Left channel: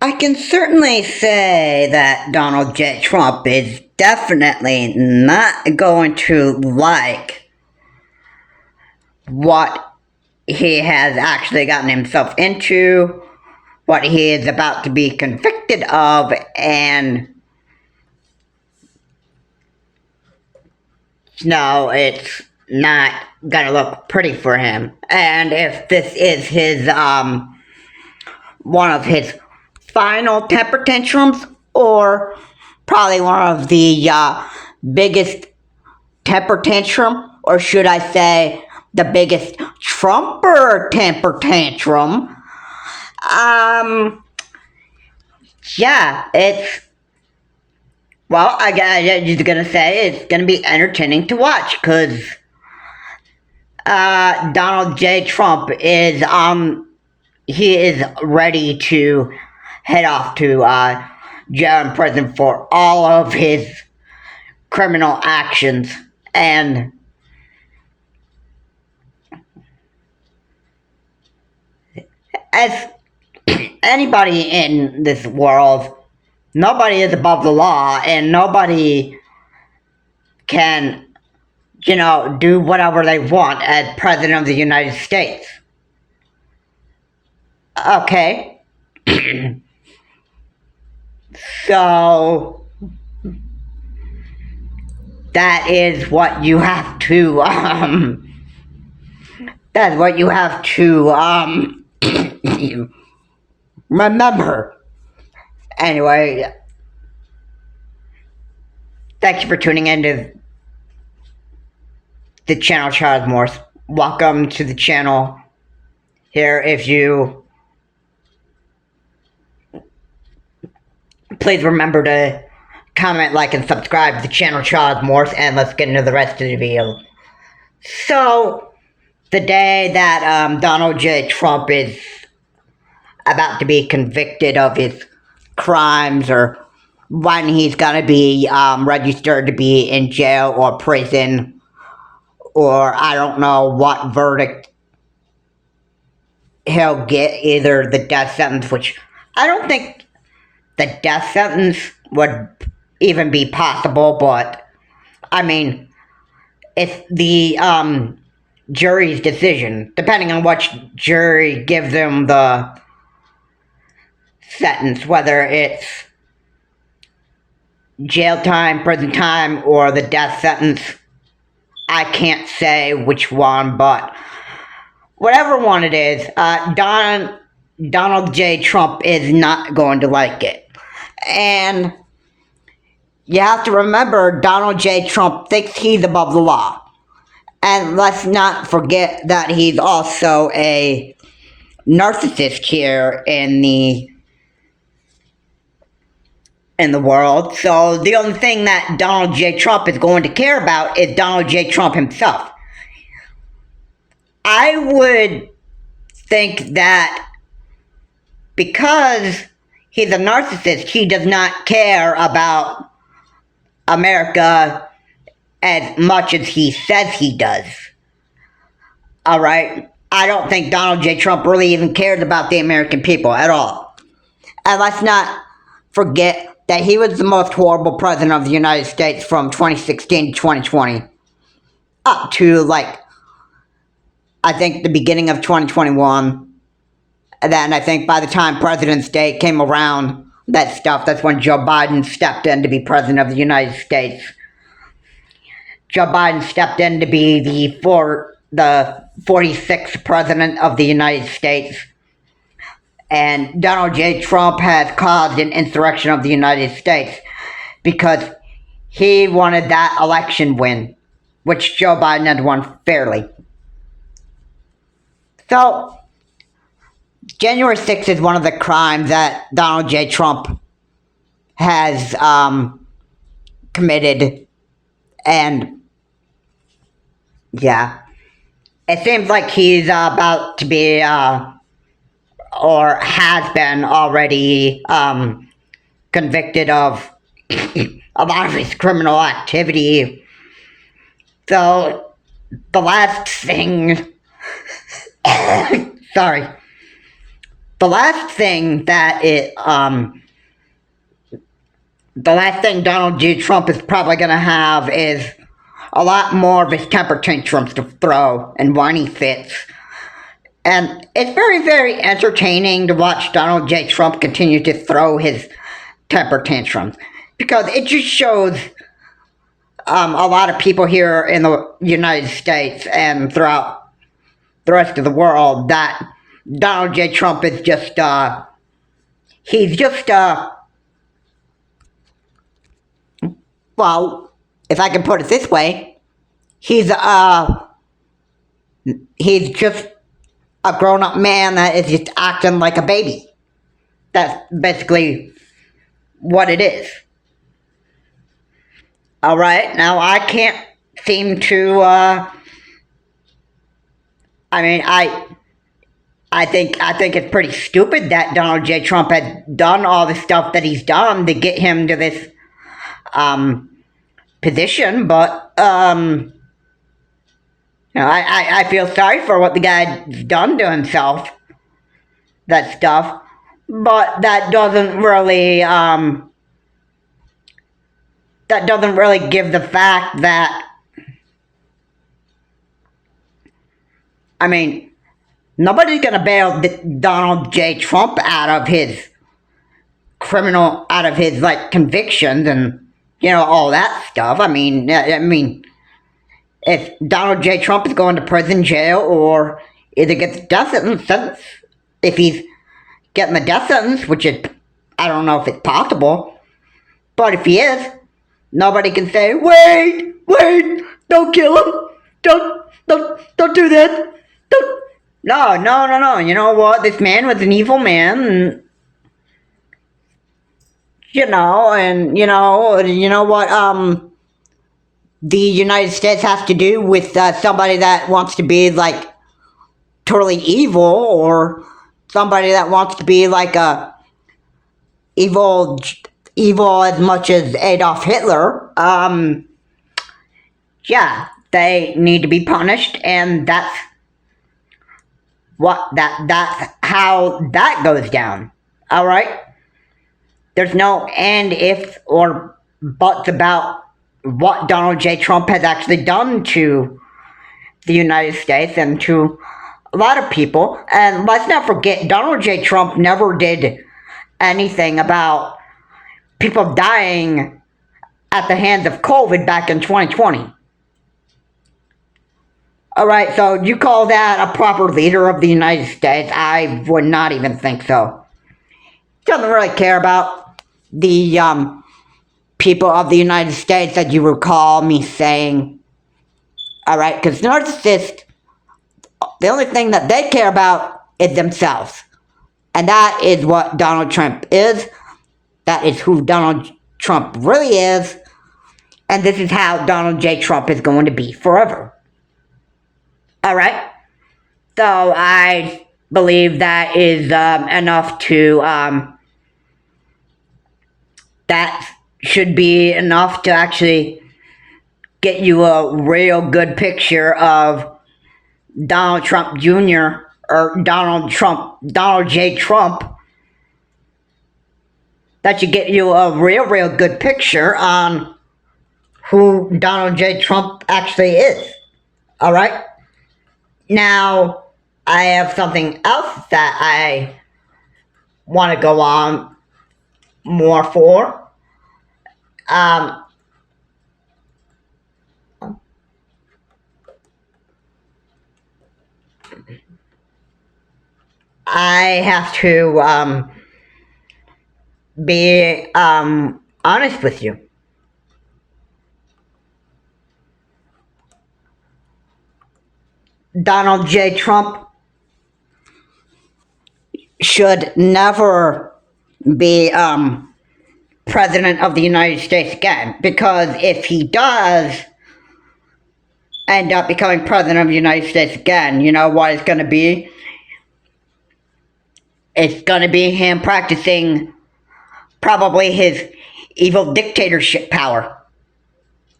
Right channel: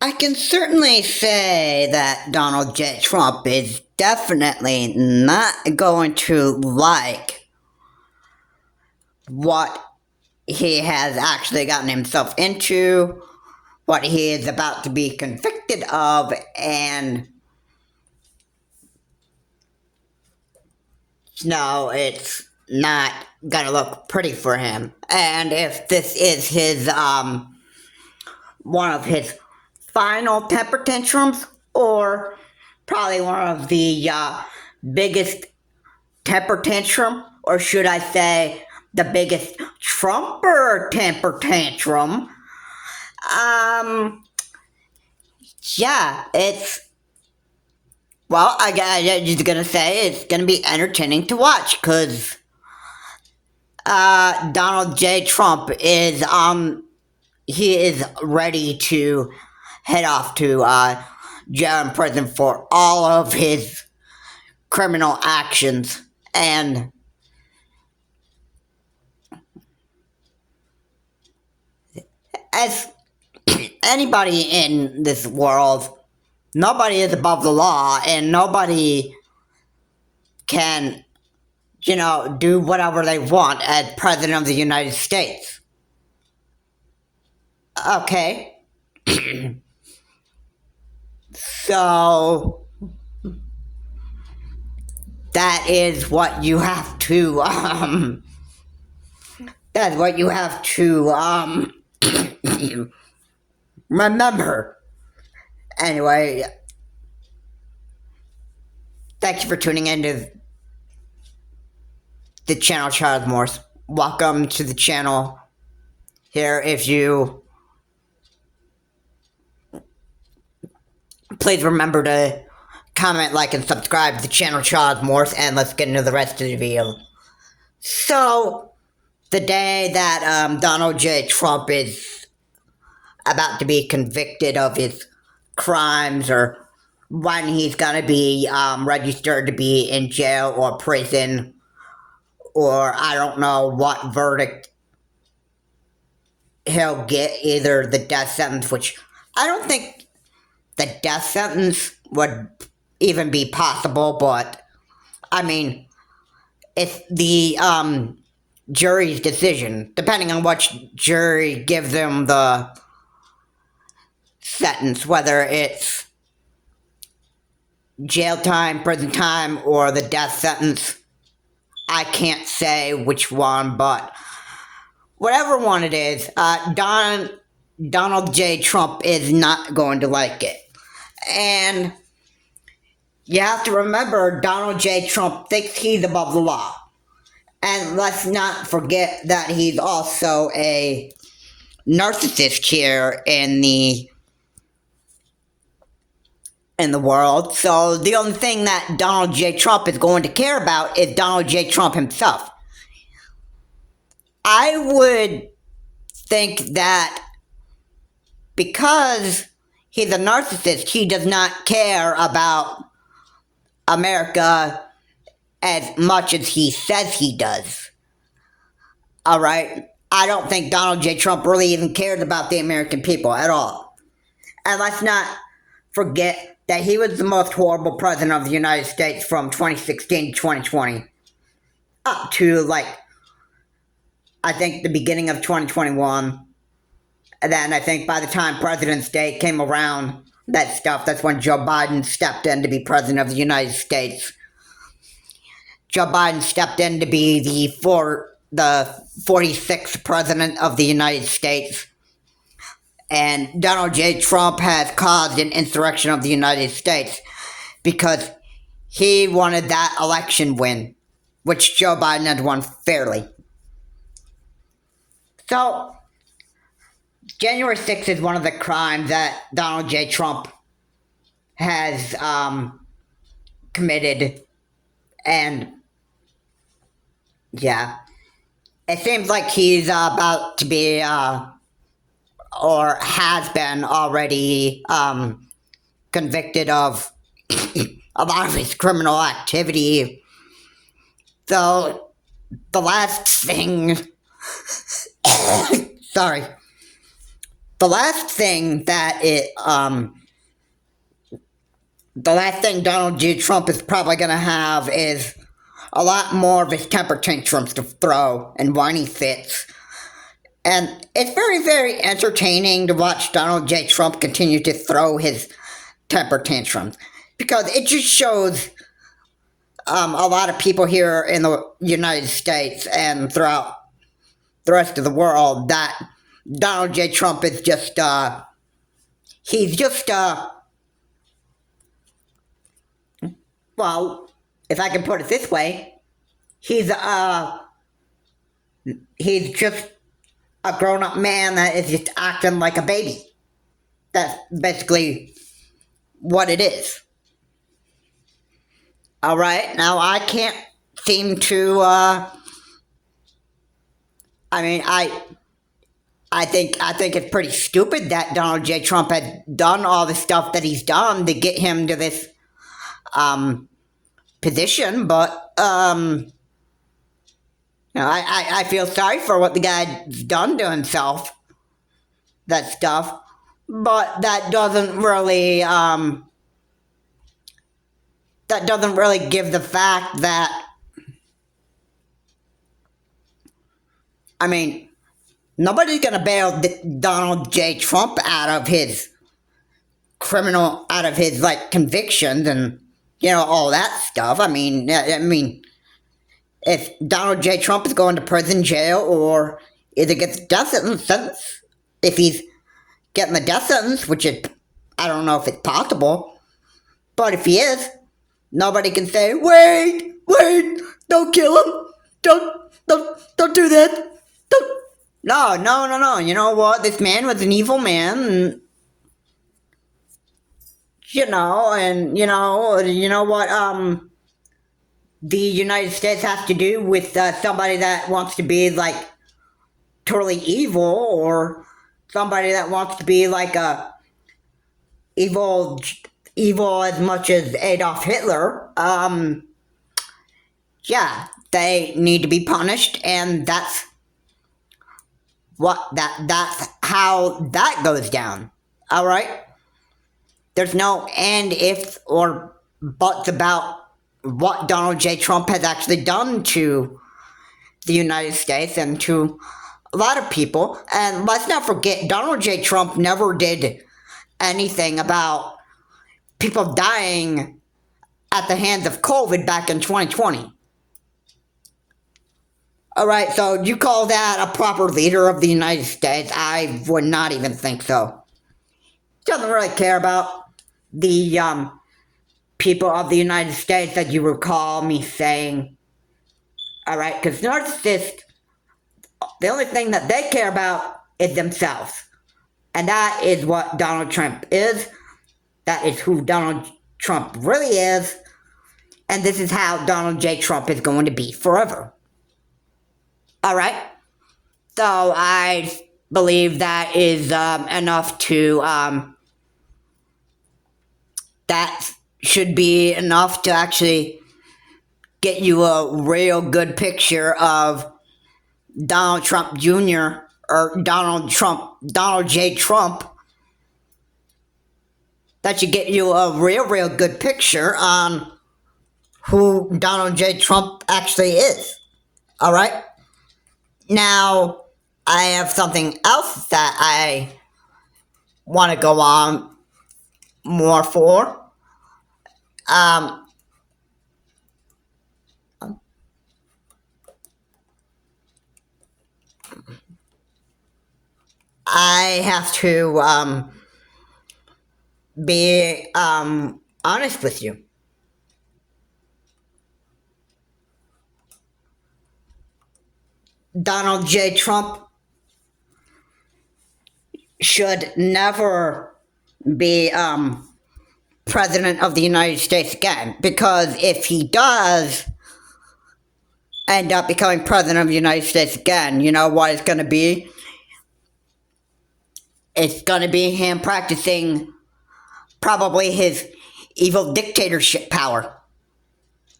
I can certainly say that Donald J. Trump is definitely not going to like what he has actually gotten himself into, what he is about to be convicted of, and no, it's not gonna look pretty for him. And if this is one of his final temper tantrums, or probably one of the biggest temper tantrum, or should I say, the biggest Trumper temper tantrum. Um, yeah, it's well, I just gonna say it's gonna be entertaining to watch because Donald J. Trump is he is ready to head off to jail and prison for all of his criminal actions. And as anybody in this world, nobody is above the law, and nobody can, do whatever they want as president of the United States. Okay. So that is what you have to that's what you have to remember. Anyway, thank you for tuning in to the channel, Charles Morse. Welcome to the channel. Here, if you please remember to comment, like, and subscribe to the channel, Charles Morse, and let's get into the rest of the video. So, the day that Donald J. Trump is about to be convicted of his crimes, or when he's gonna be registered to be in jail or prison, or I don't know what verdict he'll get, either the death sentence, which I don't think the death sentence would even be possible, but I mean, it's the jury's decision, depending on which jury gives him the sentence, whether it's jail time, prison time, or the death sentence. I can't say which one, but whatever one it is, Donald J. Trump is not going to like it. And you have to remember, Donald J. Trump thinks he's above the law. And let's not forget that he's also a narcissist here in the world. So the only thing that Donald J. Trump is going to care about is Donald J. Trump himself. I would think that because he's a narcissist, he does not care about America as much as he says he does. Alright? I don't think Donald J. Trump really even cares about the American people at all. And let's not forget that he was the most horrible president of the United States from 2016 to 2020. Up to, I think the beginning of 2021. And then I think by the time President's Day came around, that's when Joe Biden stepped in to be president of the United States. Joe Biden stepped in to be the 46th president of the United States. And Donald J. Trump has caused an insurrection of the United States because he wanted that election win, which Joe Biden had won fairly. So, January 6th is one of the crimes that Donald J. Trump has committed, and yeah, it seems like he's about to be, or has been already, convicted of a lot of his criminal activity. So, the last thing, sorry, the last thing that the last thing Donald J. Trump is probably going to have is a lot more of his temper tantrums to throw and whiny fits. And it's very, very entertaining to watch Donald J. Trump continue to throw his temper tantrums, because it just shows a lot of people here in the United States and throughout the rest of the world that Donald J. Trump is just, he's just, well, if I can put it this way, he's just a grown-up man that is just acting like a baby. That's basically what it is. Alright, now I can't seem to, I think it's pretty stupid that Donald J. Trump had done all the stuff that he's done to get him to this, position, but, I feel sorry for what the guy's done to himself, that stuff, but that doesn't really give the fact that, nobody's gonna bail Donald J. Trump out of his convictions and, all that stuff. If Donald J. Trump is going to prison, jail, or either gets a death sentence, if he's getting the death sentence, which is, I don't know if it's possible, but if he is, nobody can say, wait, don't kill him, don't do that, no, you know what, this man was an evil man, and, you know what, the United States has to do with somebody that wants to be, totally evil, or somebody that wants to be, evil as much as Adolf Hitler. Yeah, they need to be punished, and that's how that goes down. Alright? There's no and, if, or buts about what Donald J. Trump has actually done to the United States and to a lot of people. And let's not forget, Donald J. Trump never did anything about people dying at the hands of COVID back in 2020. Alright, so you call that a proper leader of the United States? I would not even think so. Doesn't really care about the people of the United States, that you recall me saying. Alright, because narcissists, the only thing that they care about is themselves. And that is what Donald Trump is. That is who Donald Trump really is. And this is how Donald J. Trump is going to be forever. Alright? So I believe that is enough to, that should be enough to actually get you a real good picture of Donald Trump Jr. or Donald J. Trump. That should get you a real good picture on who Donald J. Trump actually is. Alright? Now, I have something else that I want to go on more for. I have to be honest with you. Donald J. Trump should never be president of the United States again, because if he does end up becoming president of the United States again, you know what it's going to be? It's going to be him practicing probably his evil dictatorship power.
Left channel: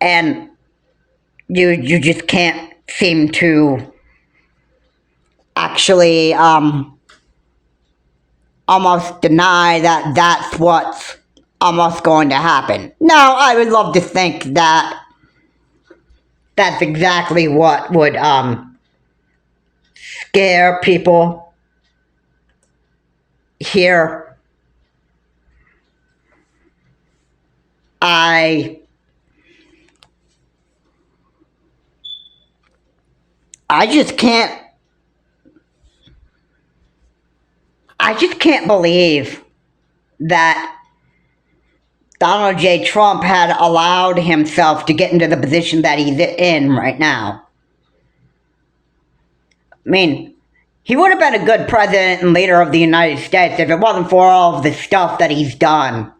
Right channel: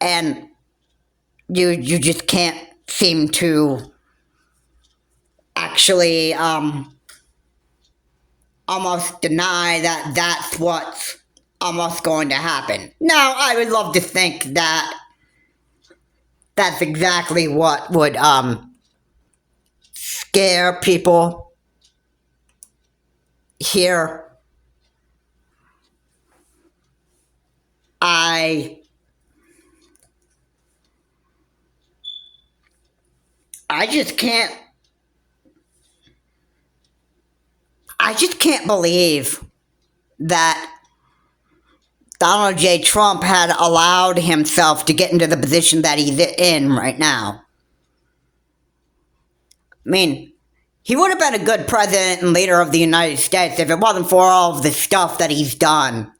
And you just can't seem to actually almost deny that that's what's almost going to happen. Now, I would love to think that that's exactly what would scare people here. I just can't believe that Donald J. Trump had allowed himself to get into the position that he's in right now. I mean, he would have been a good president and leader of the United States if it wasn't for all of the stuff that he's done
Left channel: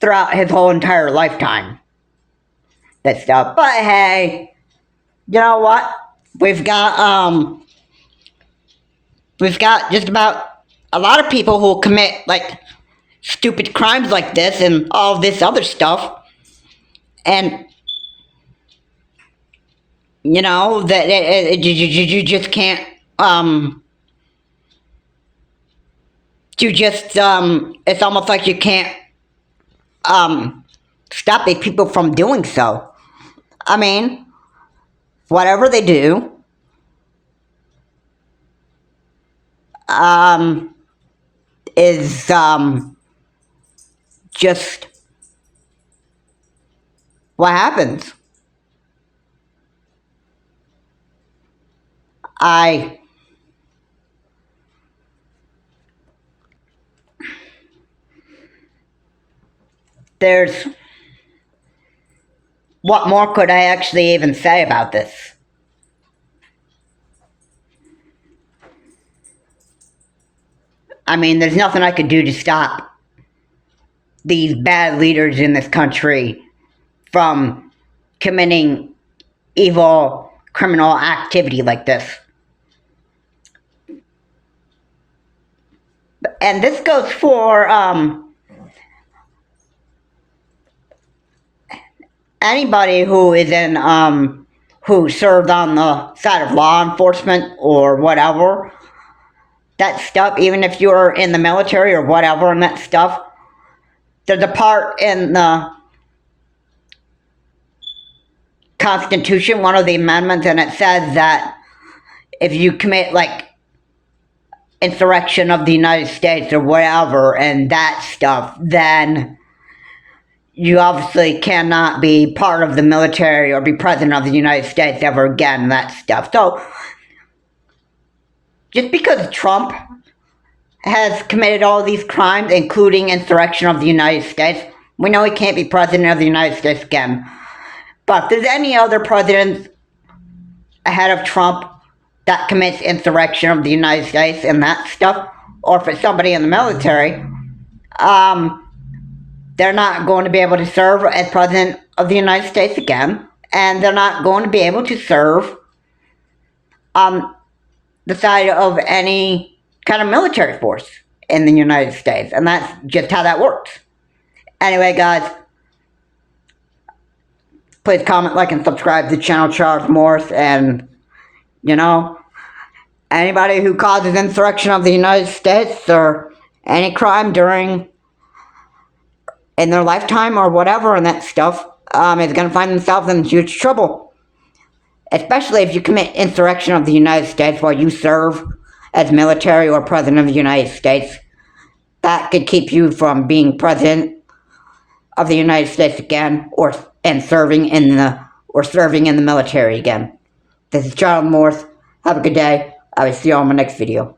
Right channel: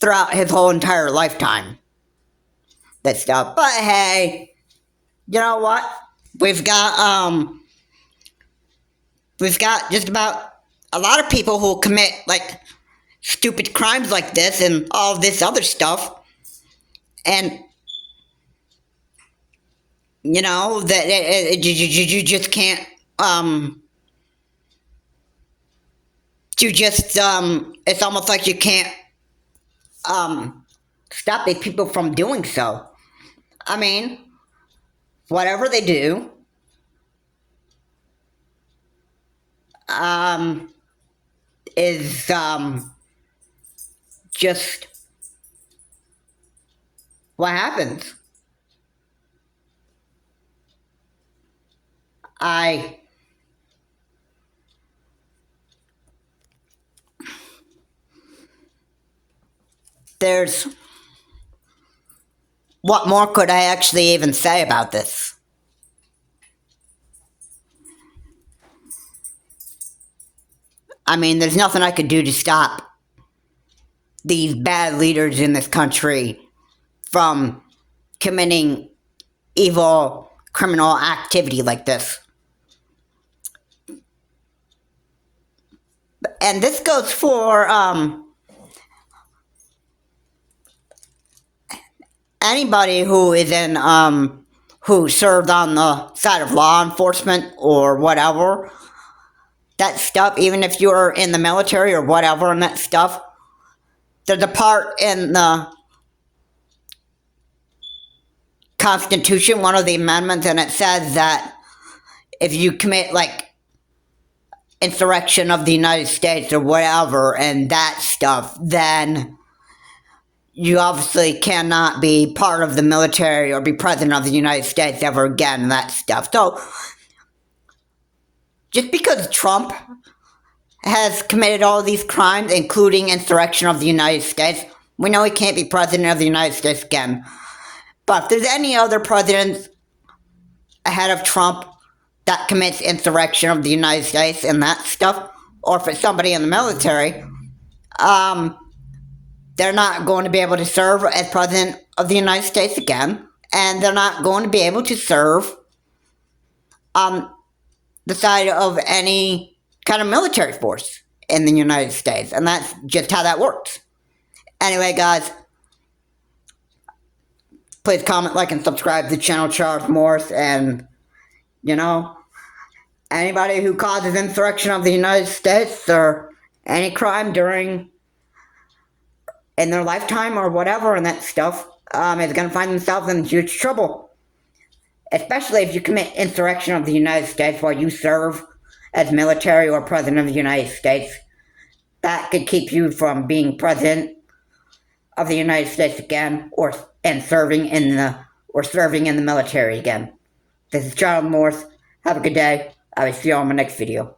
throughout his whole entire lifetime. That stuff. But hey, you know what? We've got just about a lot of people who commit like stupid crimes like this and all this other stuff, and you know that you just can't it's almost like you can't stop these people from doing so. I mean, whatever they do is just what happens. What more could I actually even say about this? I mean, there's nothing I could do to stop these bad leaders in this country from committing evil criminal activity like this. And this goes for anybody who is in who served on the side of law enforcement or whatever. That stuff, even if you're in the military or whatever and that stuff, there's a part in the Constitution, one of the amendments, and it says that if you commit like insurrection of the United States or whatever and that stuff, then you obviously cannot be part of the military or be president of the United States ever again and that stuff. So, just because Trump has committed all these crimes, including insurrection of the United States, we know he can't be president of the United States again. But if there's any other president ahead of Trump that commits insurrection of the United States and that stuff, or if it's somebody in the military, they're not going to be able to serve as president of the United States again, and they're not going to be able to serve on the side of any kind of military force in the United States, and that's just how that works. Anyway, guys, please comment, like, and subscribe to the channel Charles Morris, and, you know, anybody who causes insurrection of the United States or any crime in their lifetime or whatever and that stuff is going to find themselves in huge trouble. Especially if you commit insurrection of the United States while you serve as military or president of the United States. That could keep you from being president of the United States again, or serving in the military again. This is Charles Morris. Have a good day. I will see you on my next video.